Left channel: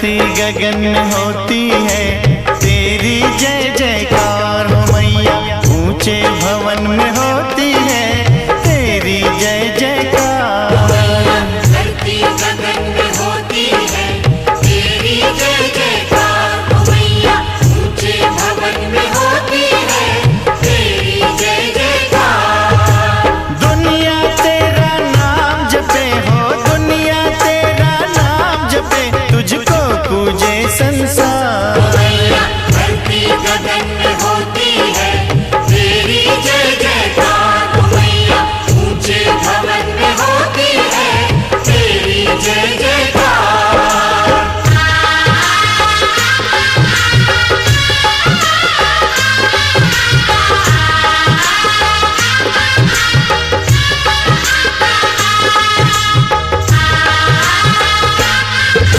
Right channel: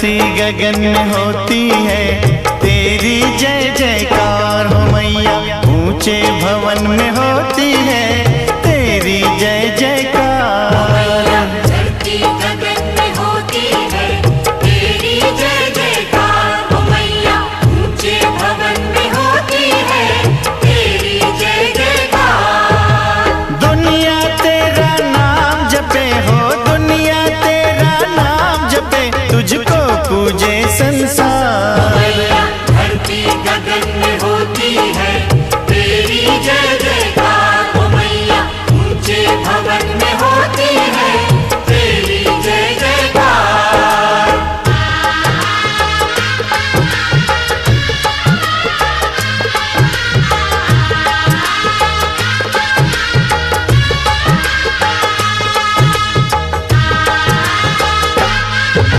धरती गगन में होती है तेरी जय जयकार हो मैया। ऊंचे भवन में होती है तेरी जय जयकार। धरती गगन में होती है तेरी जय जयकार हो मैया। ऊंचे भवन में होती है तेरी जय जयकार। दुनिया तेरा नाम जपे हो, दुनिया तेरा नाम जपे, तुझको पूजे संसार।